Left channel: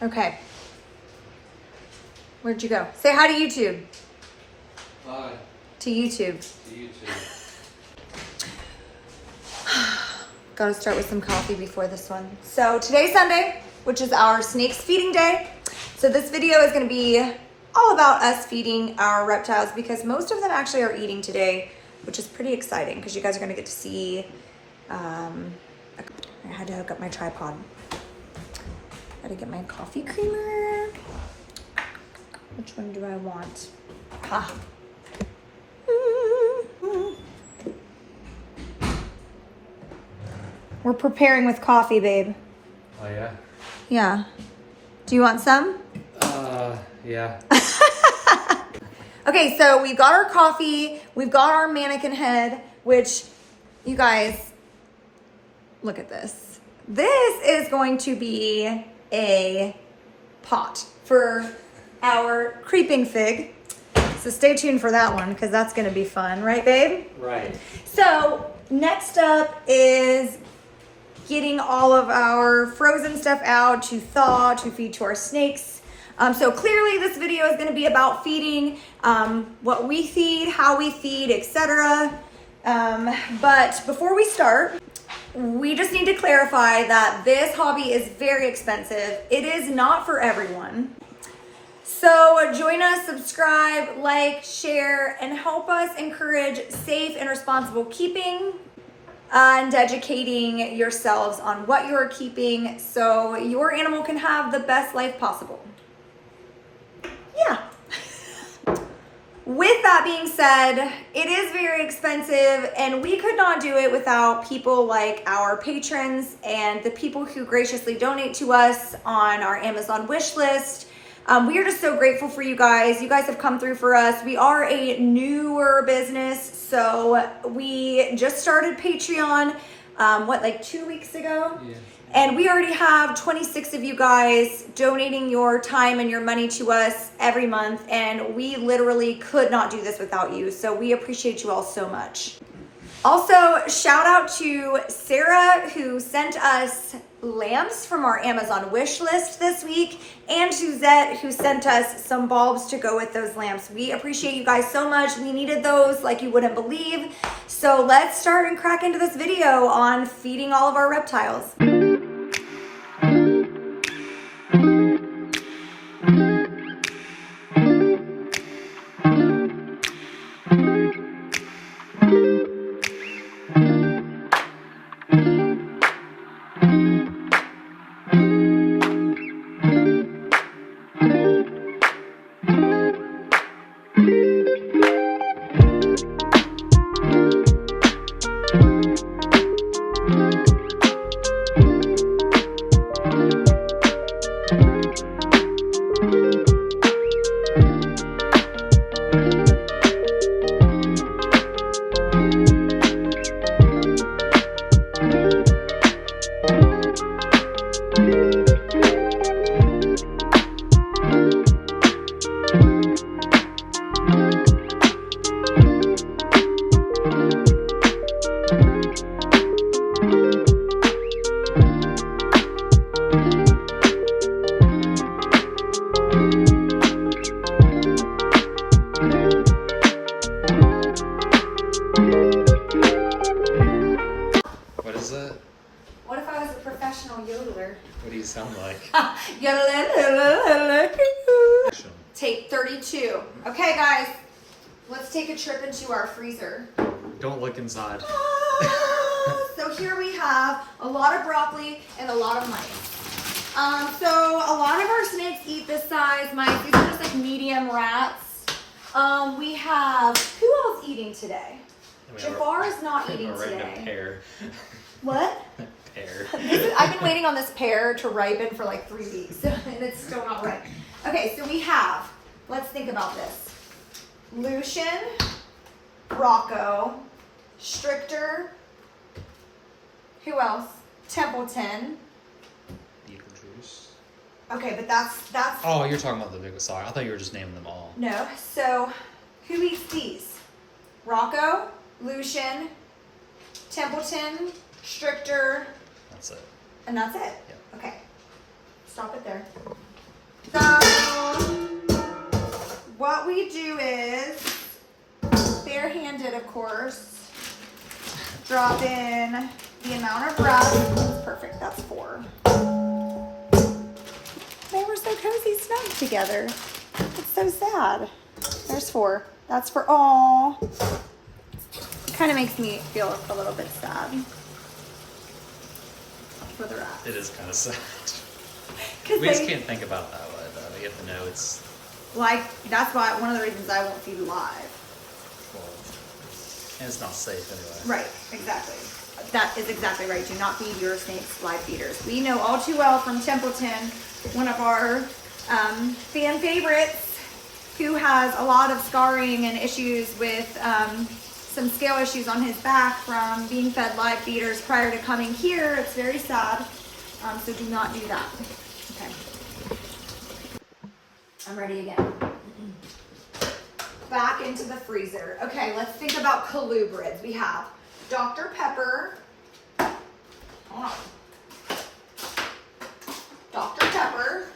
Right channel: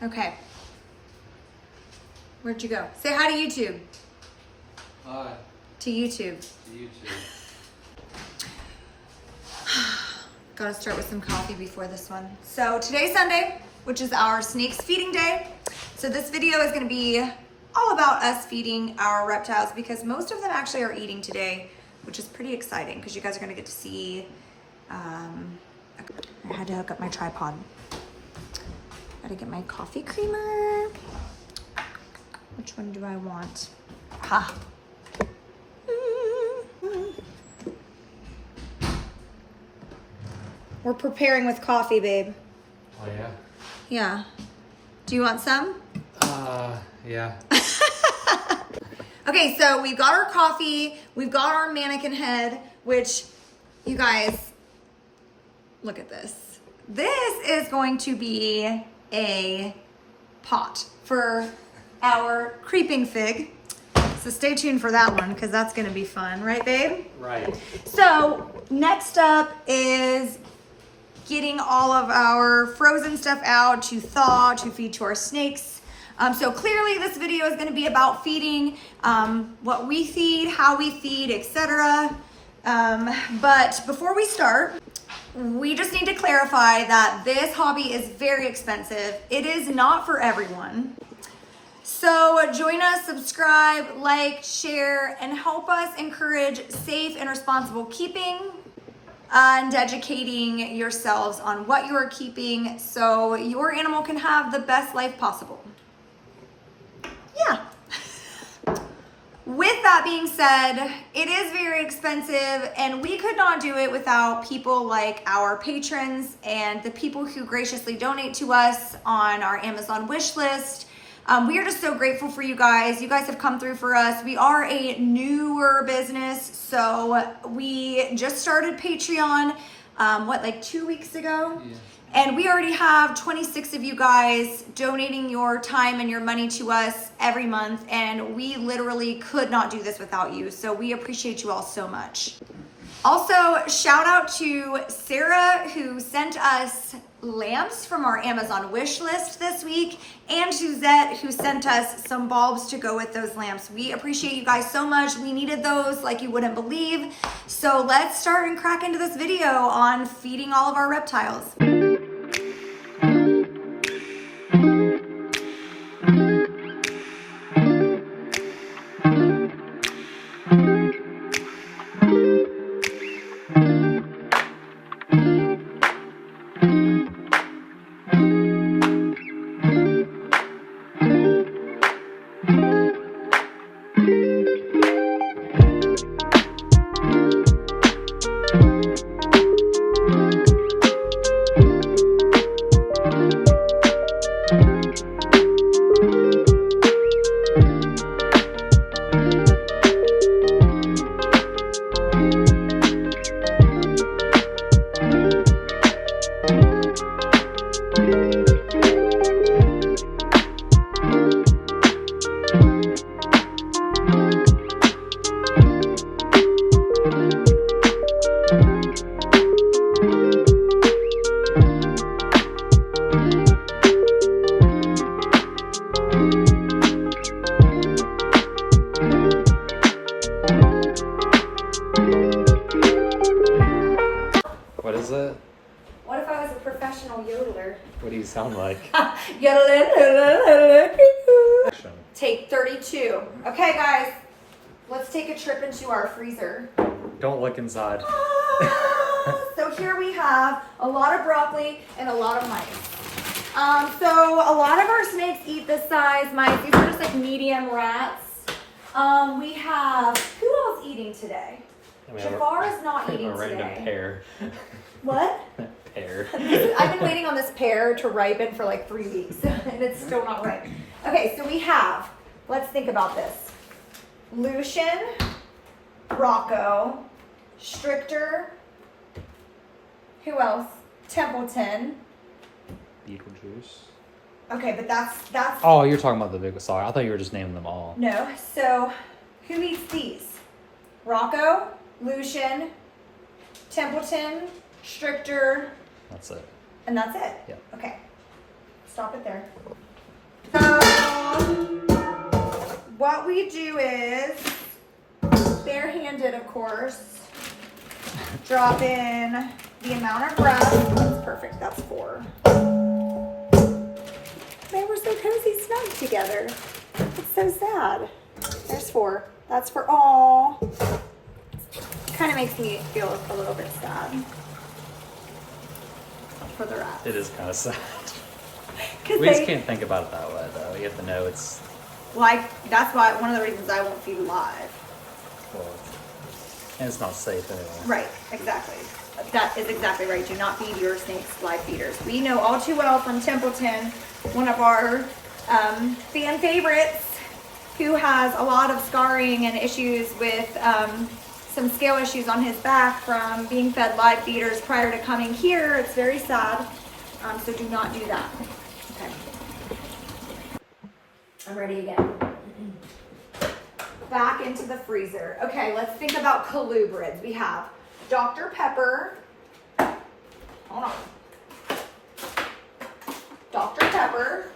Okay. Where'd you go? Say hi to YouTube. Hi. To YouTube. To YouTube. Gotta start with some coffee before this one. So today's Sunday, which is our snakes feeding day. So this video is gonna be all about us feeding our reptiles because most of them actually are eating today, which is pretty exciting because you guys are gonna get to see, I had to hook up my tripod. Gotta get my coffee creamer. Which one do I want? Ha. We're preparing with coffee, babe. Oh yeah? Yeah. Do you want some? Yeah. Okay, so we got our coffee. We've got our mannequin head, which, you guys, look at this. This is going to be a pot for our creeping fig. So stay tuned for that one because that's going to be fun. Right, babe? Right. So next up is getting all of our frozen stuff out to thaw, to feed to our snakes. So clearly this video is gonna be about feeding, what we feed, how we feed, etc. But before we start, we just need to clarify that this hobby is very expensive. It is not for everyone. So join us, subscribe, like, share, and help us encourage safe and responsible keeping and educating yourselves on what you are keeping so your animal can have the best life possible. Yeah. With that being said, it is very expensive and we could not do it without people like our patrons and the people who graciously donate to us on our Amazon wish list. We are just so grateful for you guys. You guys have come through for us. We are a newer business, so we just started Patreon, like 2 weeks ago? Yeah. And we already have 26 of you guys donating your time and your money to us every month, and we literally could not do this without you, so we appreciate you all so much. Also, shout out to Sarah who sent us lamps from our Amazon wish list this week, and Suzette who sent us some bulbs to go with those lamps. We appreciate you guys so much. We needed those like you wouldn't believe. So let's start and crack into this video on feeding all of our reptiles. What is it? What if I was a professional yodeler? What do you sound like? Action. Take 32. Okay, guys, let's take a trip into our freezer. Don't look inside. So here we have a lot of broccoli and a lot of mice. So a lot of our snakes eat this size mice. These are just like medium rats. We have, who else eating today? Jafar is not eating a random today. pear. What? Pear. I've been waiting on this pear to ripen for like 3 weeks and it's still not ripe. Okay, so we have, let's think about this. Lucian, Rocco, Stricter, who else? Templeton. Beetlejuice. Okay, but that's Oh, you're talking about the big. Sorry, I thought you were just naming them all. no. So who eats these? Rocco, Lucian, Templeton, Stricter, That's it. and that's it. Yep. Okay. Stop it there. course. Drop in the amount of reps. That's perfect, that's 4. They were so cozy snug together. It's so sad. There's 4. That's for all. Kind of makes me feel a little bit sad for the rats. It is kind of sad. Because We just can't think about it that way, though. You have to know it's. like, that's why one of the reasons I won't feed live. Well, and it's not safe anyway. Right, exactly. That is exactly right. Do not feed your snakes live feeders. We know all too well from Templeton, one of our fan favorites, who has a lot of scarring and issues with some scale issues on his back from being fed live feeders prior to coming here. It's very sad. So do not do that. Okay. I'm ready again. Back into the freezer. Okay, let's think about colubrids. We have Dr. Pepper. Hold on. Dr. Pepper.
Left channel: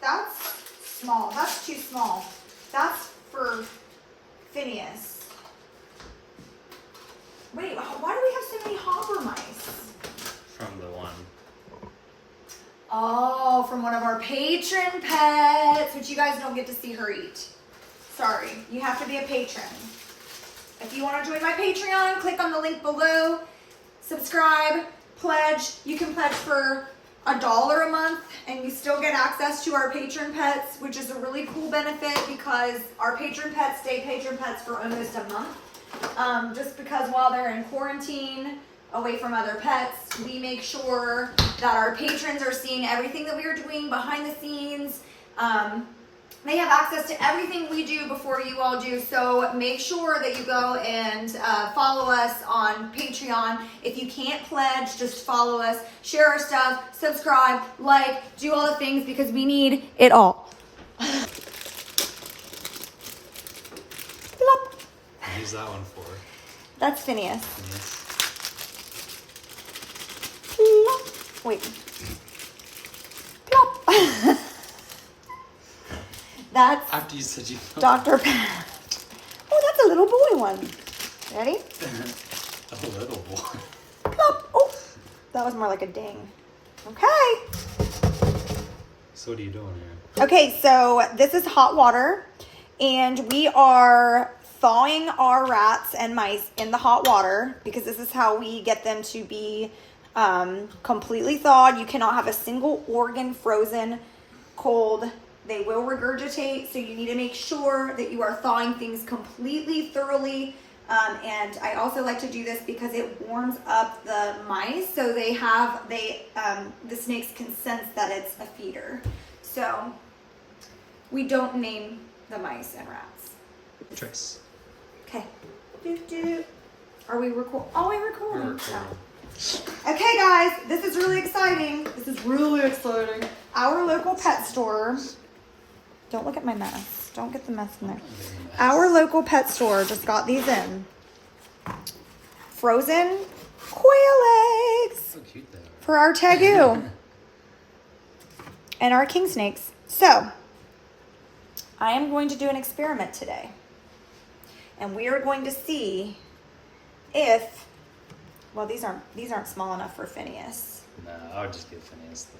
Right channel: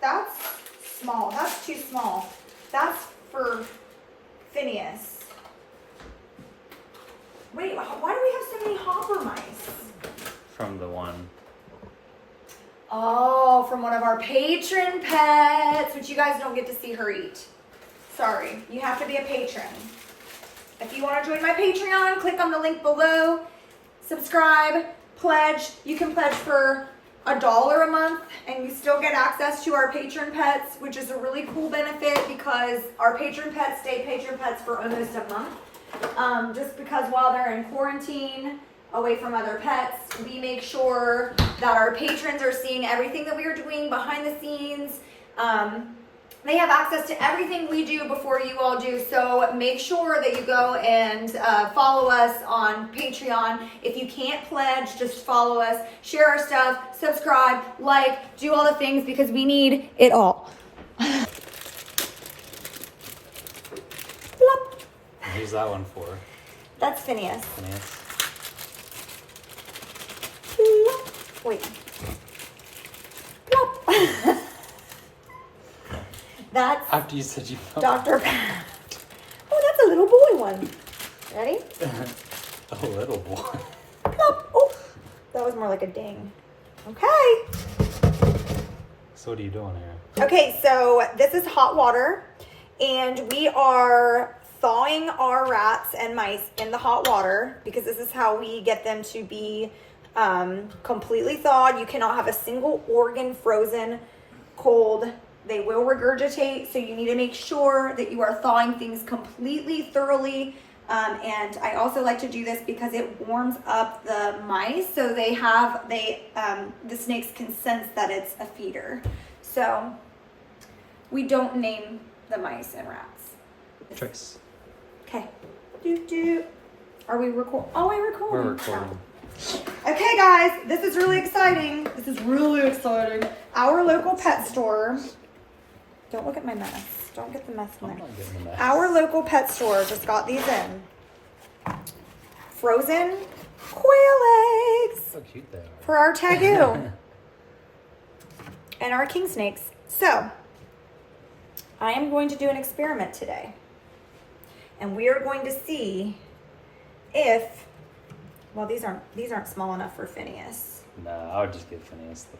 That's small. That's too small. That's for Phineas. Wait, why do we have so many hopper mice? From the one. Oh, from one of our patron pets, which you guys don't get to see her eat. Sorry, you have to be a patron. If you want to join my Patreon, click on the link below. Subscribe, pledge. You can pledge for $1 a month and you still get access to our patron pets, which is a really cool benefit because our patron pets stay patron pets for almost a month. Just because while they're in quarantine, away from other pets, we make sure that our patrons are seeing everything that we are doing behind the scenes. They have access to everything we do before you all do, so make sure that you go and follow us on Patreon. If you can't pledge, just follow us, share our stuff, subscribe, like, do all the things because we need it all. Plop. Who's that one for? That's Phineas. Finance? Plop. Wait. Plop. That's After you said you. Dr. Pat. Oh, that's a little boy one. Ready? A little boy. Plop. Oh, that was more like a ding. Okay. So what are you doing here? Okay, so this is hot water, and we are thawing our rats and mice in the hot water because this is how we get them to be completely thawed. You cannot have a single organ frozen cold. They will regurgitate, so you need to make sure that you are thawing things completely, thoroughly. And I also like to do this because it warms up the mice, so the snakes can sense that it's a feeder. So we don't name the mice and rats. Tricks. Okay. Are we recording? Oh, we're recording. We're recording. Okay, guys, this is really exciting. This is really exciting. Our local pet store. Don't look at my mess. Don't get the mess in there. Our local pet store just got these in. Frozen quail eggs So cute they are. for our tegu and our king snakes. So, I am going to do an experiment today. And we are going to see if, well, these aren't small enough for Phineas. No, I would just give Phineas the.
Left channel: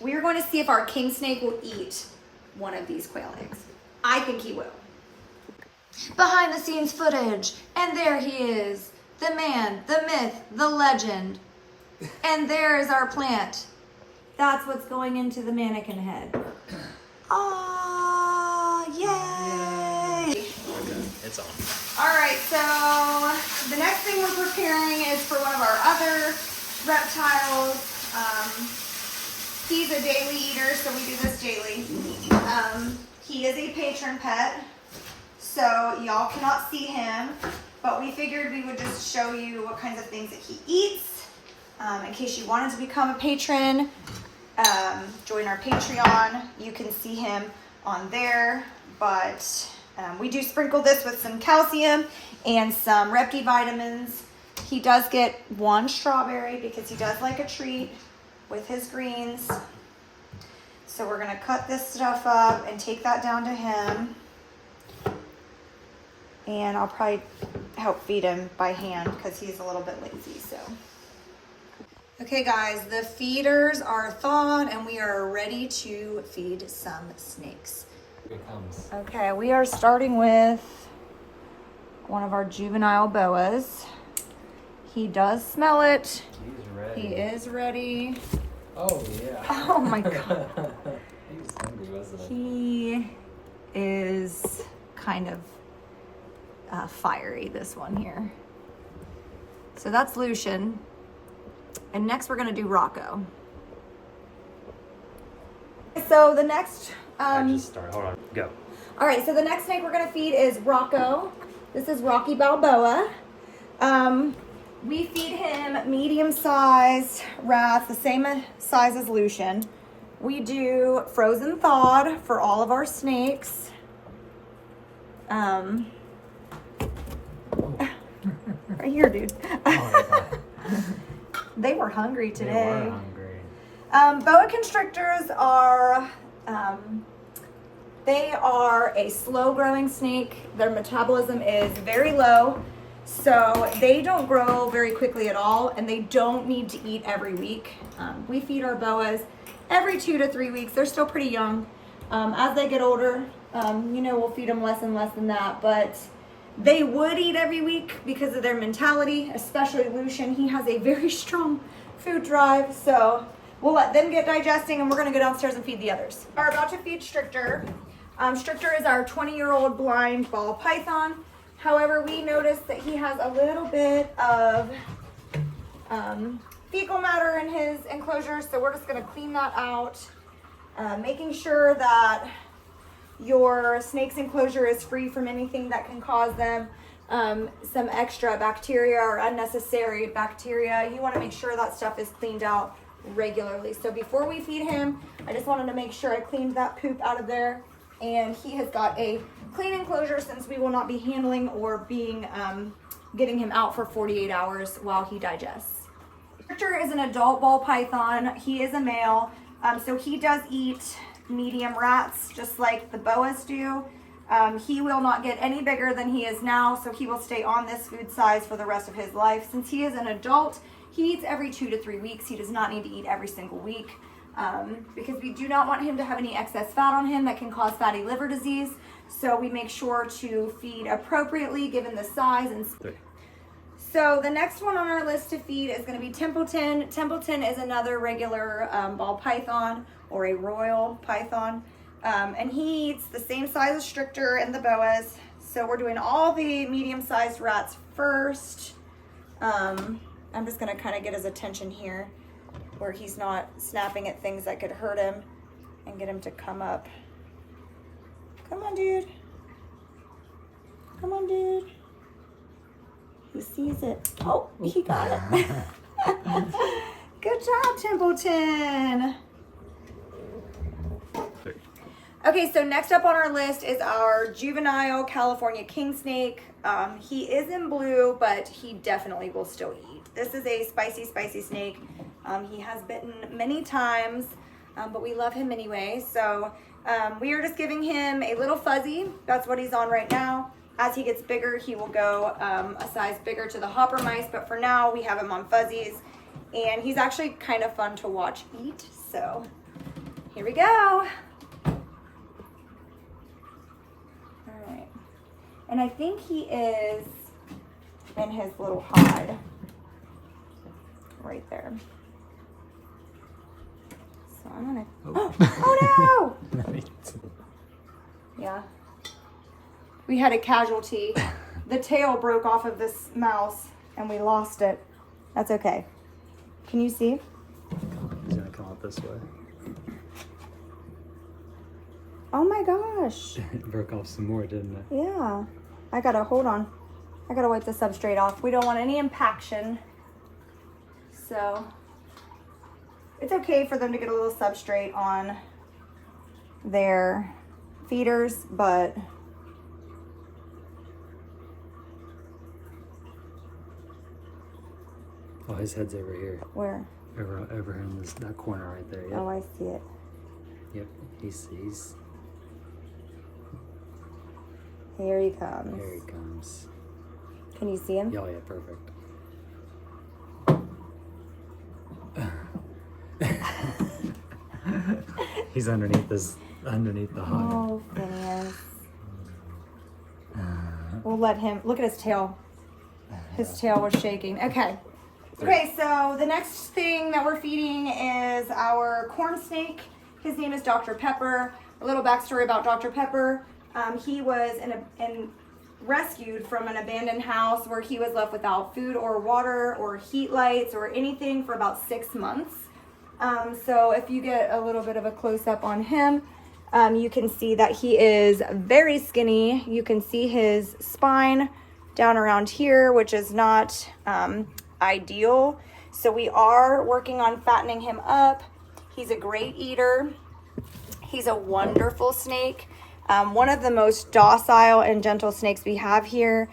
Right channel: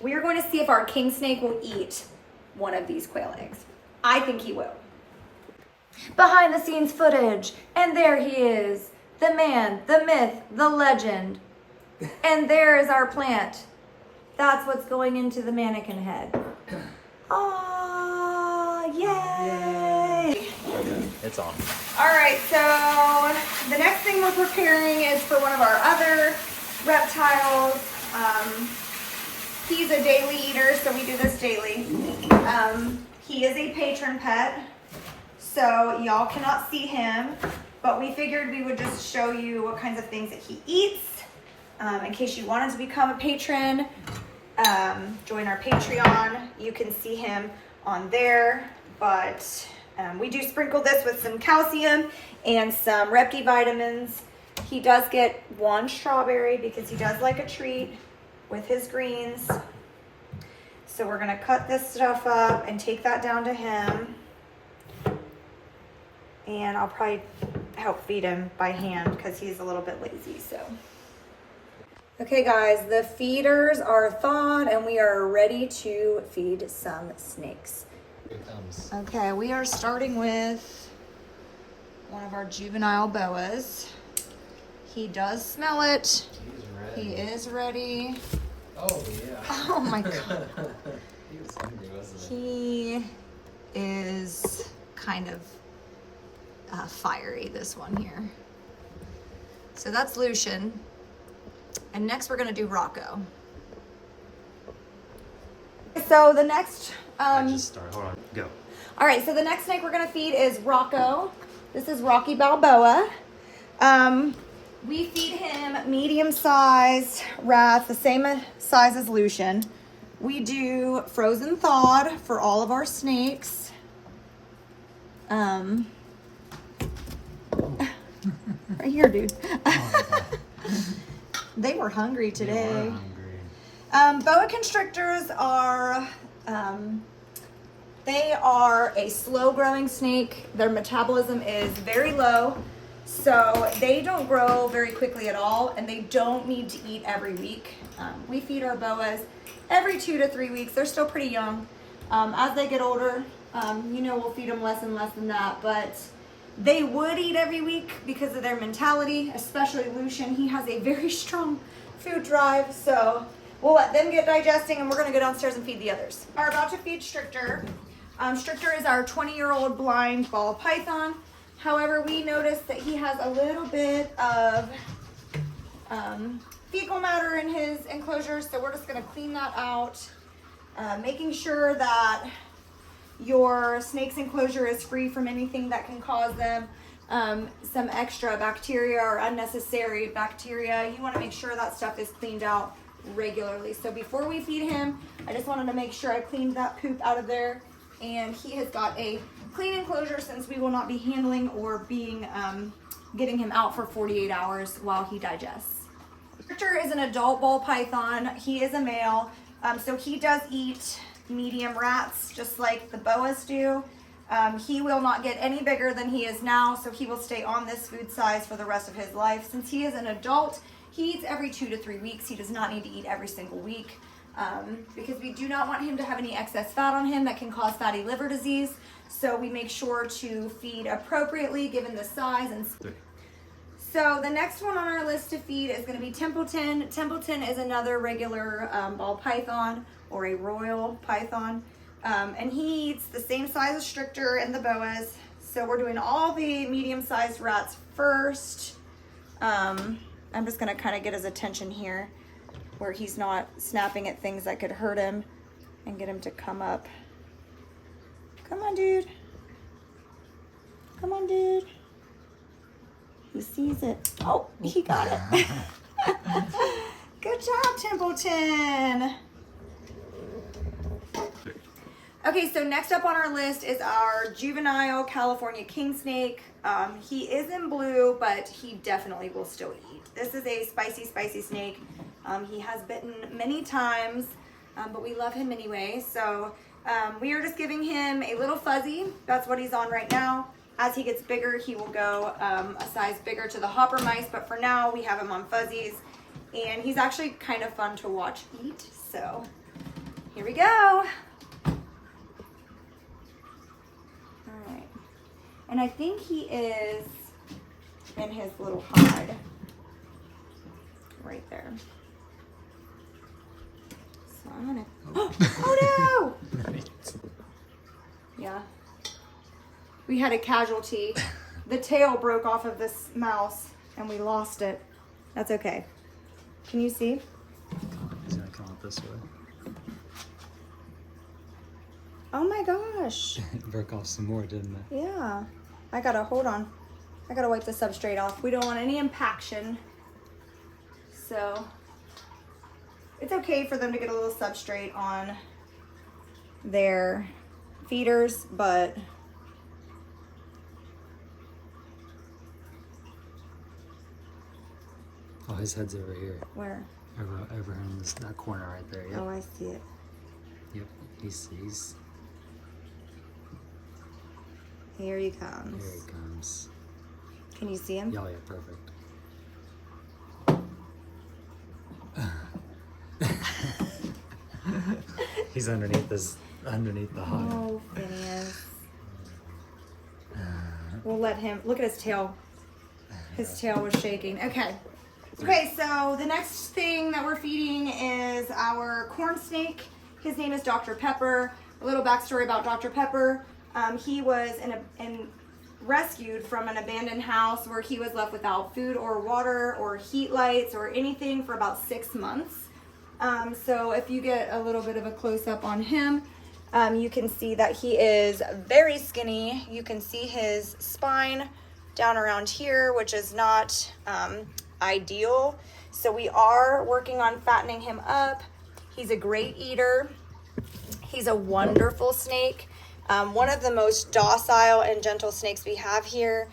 We are going to see if our king snake will eat one of these quail eggs. I think he will. Behind the scenes footage, and there he is, the man, the myth, the legend. And there is our plant. That's what's going into the mannequin head. Ah, yay! It's on. All right, so the next thing we're preparing is for one of our other reptiles. He's a daily eater, so we do this daily. He is a patron pet, so y'all cannot see him, but we figured we would just show you what kinds of things that he eats. In case you wanted to become a patron, join our Patreon. You can see him on there, but we do sprinkle this with some calcium and some Repti vitamins. He does get one strawberry because he does like a treat with his greens. So we're gonna cut this stuff up and take that down to him. And I'll probably help feed him by hand because he's a little bit lazy, so. Okay guys, the feeders are thawed and we are ready to feed some snakes. Here it comes. Okay, we are starting with one of our juvenile boas. He does smell it. He's ready. He is ready. Oh, yeah. Oh my God. He was hungry, wasn't he? He is kind of fiery, this one here. So that's Lucian. And next we're gonna do Rocco. So the next, I just started. Hold on. Go. all right, so the next snake we're gonna feed is Rocco. This is Rocky Balboa. We feed him medium-sized rats, the same size as Lucian. We do frozen thawed for all of our snakes. Right here, dude. Oh, my God. They were hungry They today. were hungry. Boa constrictors are, they are a slow growing snake. Their metabolism is very low, so they don't grow very quickly at all, and they don't need to eat every week. We feed our boas every 2 to 3 weeks. They're still pretty young. As they get older, we'll feed them less and less than that, but they would eat every week because of their mentality, especially Lucian. He has a very strong food drive, so we'll let them get digesting and we're gonna go downstairs and feed the others. We're about to feed Stricter. Stricter is our 20-year-old blind ball python. However, we noticed that he has a little bit of fecal matter in his enclosure, so we're just gonna clean that out, making sure that your snake's enclosure is free from anything that can cause them some extra bacteria or unnecessary bacteria. You want to make sure that stuff is cleaned out regularly. So before we feed him, I just wanted to make sure I cleaned that poop out of there, and he has got a clean enclosure since we will not be handling or being getting him out for 48 hours while he digests. Victor is an adult ball python. He is a male, so he does eat medium rats just like the boas do. He will not get any bigger than he is now, so he will stay on this food size for the rest of his life. Since he is an adult, he eats every 2 to 3 weeks. He does not need to eat every single week because we do not want him to have any excess fat on him that can cause fatty liver disease. So we make sure to feed appropriately given the size and So the next one on our list to feed is going to be Templeton. Templeton is another regular ball python or a royal python. And he eats the same size as Stricter and the boas. So we're doing all the medium-sized rats first. I'm just going to kind of get his attention here where he's not snapping at things that could hurt him and get him to come up. Come on, dude. Come on, dude. He sees it. Oh, he got it. Good job, Templeton. Okay, so next up on our list is our juvenile California king snake. He is in blue, but he definitely will still eat. This is a spicy snake. He has bitten many times, but we love him anyway. So we are just giving him a little fuzzy. That's what he's on right now. As he gets bigger, he will go a size bigger to the hopper mice, but for now we have him on fuzzies, and he's actually kind of fun to watch eat. So here we go. All right, and I think he is in his little hide right there. So I'm gonna, oh no! Yeah. We had a casualty. The tail broke off of this mouse and we lost it. That's okay. Can you see? He's gonna come up this way. Oh my gosh. It broke off some more, didn't it? Yeah. Hold on. I gotta wipe the substrate off. We don't want any impaction. So it's okay for them to get a little substrate on their feeders, but Oh, his head's over here. where? Over in that corner right there. Yep. Oh, I see it. Yep, he sees. Here he comes. Here he comes. Can you see him? Oh, yeah, perfect. He's underneath the hog. Oh, Phineas. We'll let him, look at his tail. His tail was shaking. Okay. Okay, so the next thing that we're feeding is our corn snake. His name is Dr. Pepper. A little backstory about Dr. Pepper. He was rescued from an abandoned house where he was left without food or water or heat lights or anything for about 6 months. So if you get a little bit of a close-up on him, you can see that he is very skinny. You can see his spine down around here, which is not ideal. So we are working on fattening him up. He's a great eater. He's a wonderful snake. One of the most docile and gentle snakes we have here.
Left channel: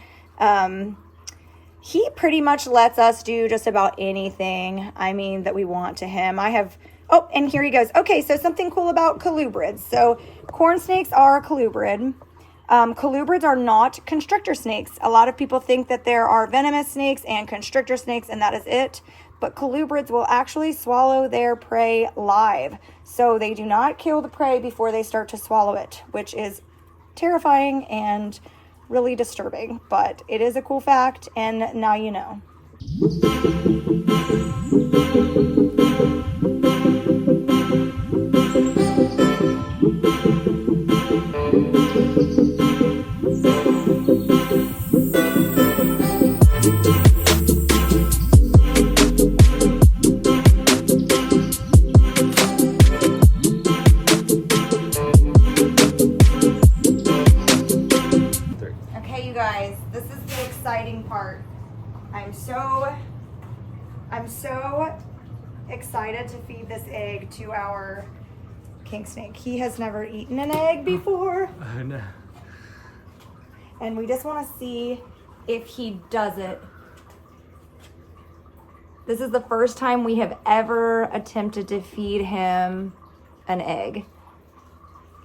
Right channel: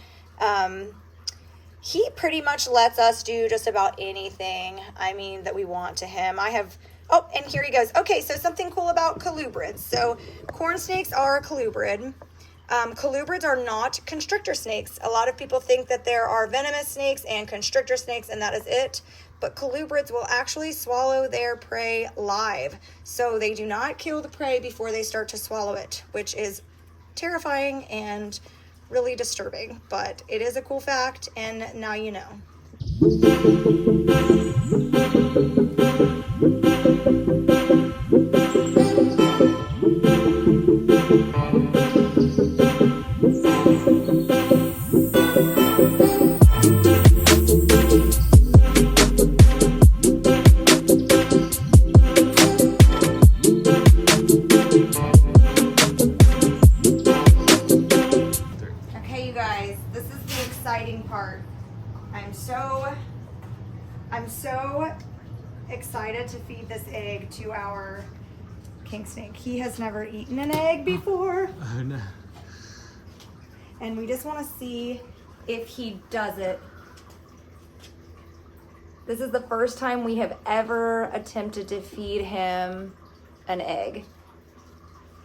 He pretty much lets us do just about anything, that we want to him. Oh, and here he goes. Okay, so something cool about colubrids. So corn snakes are colubrid. Colubrids are not constrictor snakes. A lot of people think that there are venomous snakes and constrictor snakes, and that is it. But colubrids will actually swallow their prey live. So they do not kill the prey before they start to swallow it, which is terrifying and really disturbing. But it is a cool fact, and now you know. Okay, you guys, this is the exciting part. I'm so excited to feed this egg to our king snake. He has never eaten an egg before. Oh, no. And we just want to see if he does it. This is the first time we have ever attempted to feed him an egg.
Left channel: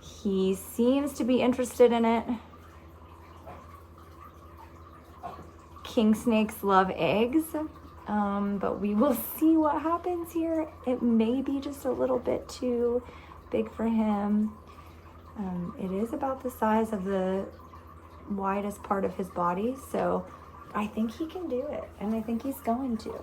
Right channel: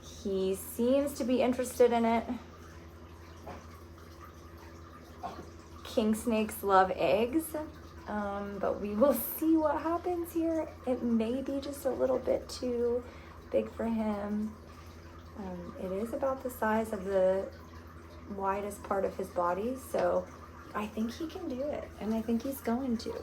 He seems to be interested in it. King snakes love eggs, but we will see what happens here. It may be just a little bit too big for him. It is about the size of the widest part of his body, so I think he can do it, and I think he's going to.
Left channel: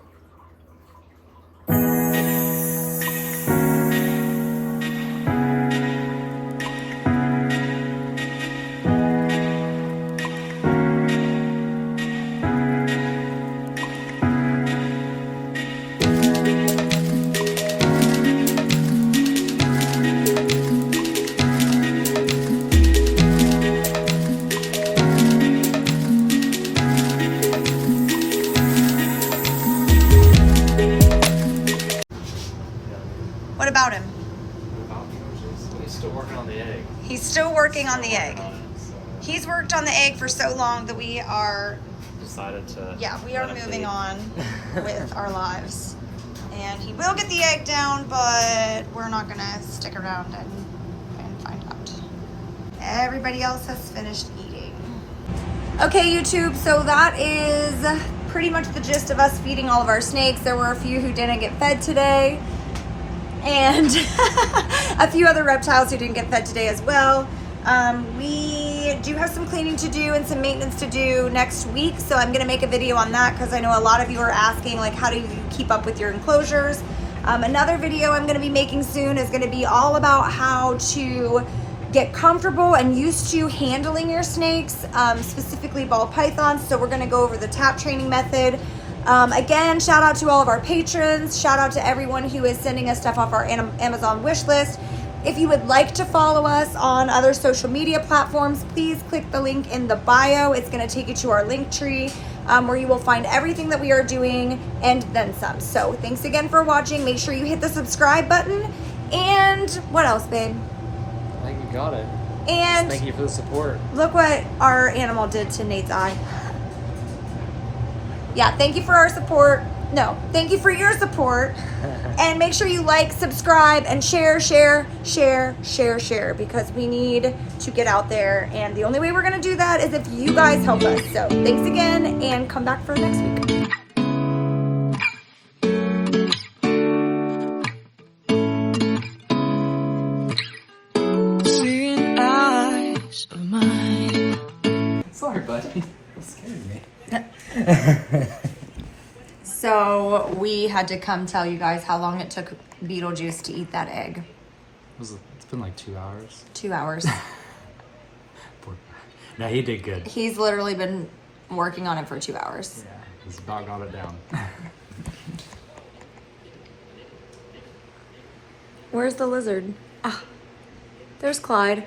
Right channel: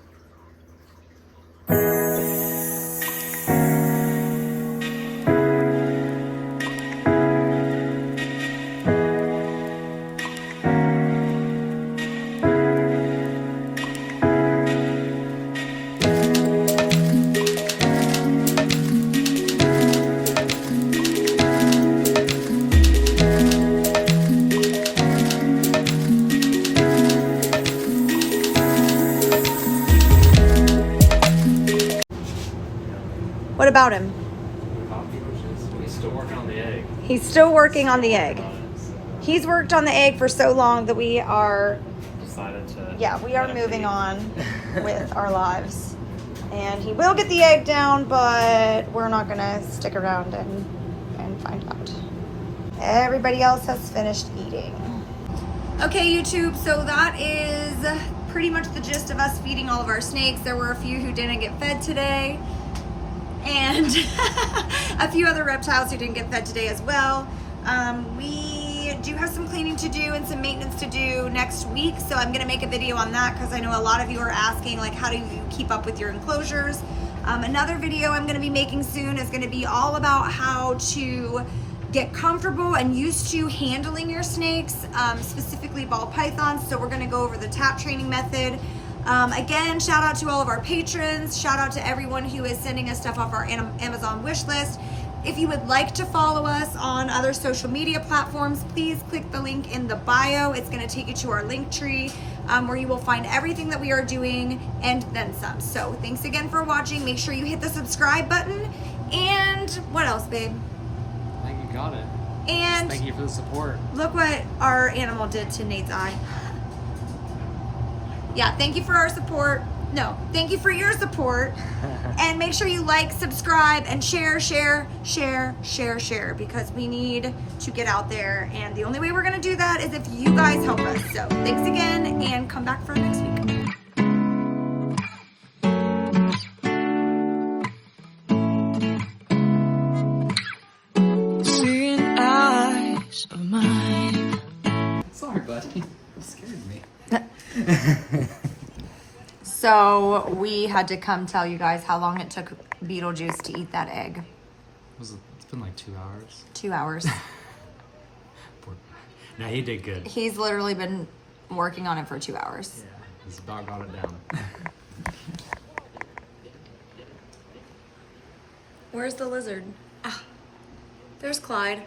What about him? He's still working on the egg. He's still working on the egg. He's worked on the egg for so long that we are Decided to. Yeah, we are let him moving eat. on with our lives. And he will get the egg down, but we're not gonna stick around and find out. Everybody else has finished eating. Okay, YouTube, so that is pretty much the gist of us feeding all of our snakes. There were a few who didn't get fed today, and a few other reptiles who didn't get fed today as well. We do have some cleaning to do and some maintenance to do next week, so I'm gonna make a video on that because I know a lot of you are asking, like, how do you keep up with your enclosures? Another video I'm gonna be making soon is gonna be all about how to get comfortable and used to handling your snakes, specifically ball pythons. So we're gonna go over the tap training method. Again, shout out to all of our patrons. Shout out to everyone who is sending us stuff off our Amazon wish list. If you would like to follow us on other social media platforms, please click the link in the bio. It's going to take you to our link tree where you will find everything that we are doing and then some. So thanks again for watching. Make sure you hit the subscribe button. And what else, babe? I think you got it. And Thank you for the support. look what our animal did to Nate's eye. Yeah, thank you for our support. No, thank you for your support. And make sure you like, subscribe, and share, because we need to get out there. And the only way we're gonna do that is if you guys help us. So thanks again, and come back for next week. Seeing eyes of mine. Sorry, buddy. You scared me. So we had to come tell you guys how long it took Beetlejuice to eat that egg. It's been like 2 hours. 2 hours. Poor guy. No, he did good. He's literally been working on it for 2 hours. Yeah, his dog got it down. Where's the lizard? Ah, there's Clyde.